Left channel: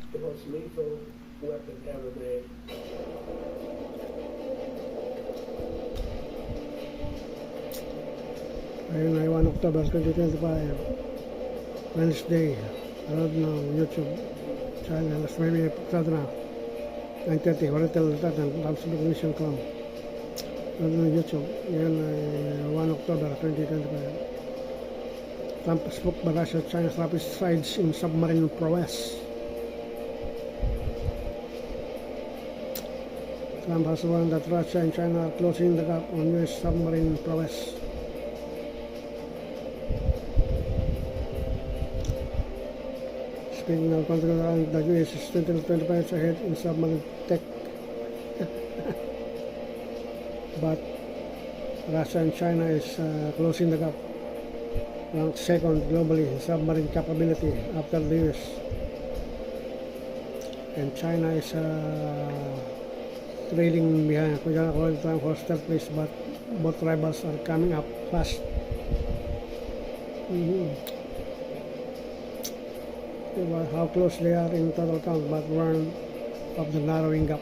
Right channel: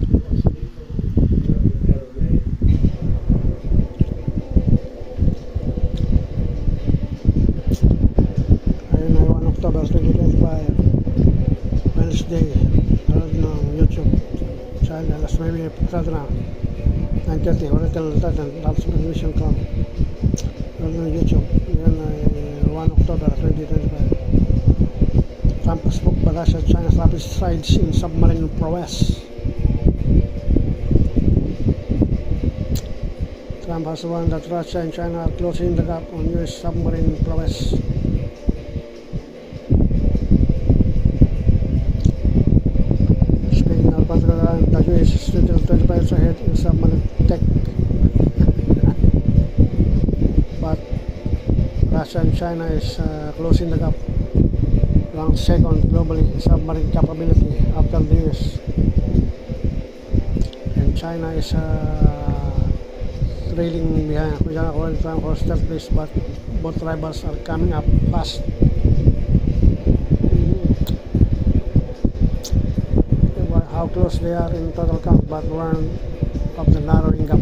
Ayun ay 1 October 2025, Wednesday. Parod ng YouTube channel. Alas 9 pagkado na 9:30 Oriental Titan Transmission Club. Parod ng YouTube. Yan ay 1 October 2025. Trump spoke by Russia, China's rapid strides in submarine prowess. Trump has warned that Russia and China are closing the gap on US submarine prowess. Speaking of control, the US is 25 years ahead in submarine tech. But Russia and China is closing the gap, ranked second globally in submarine capability after the US. And China is trailing behind. According to Trump, third place, but both rivals are coming up fast. How close they are in total count, but one of the narrowing gap.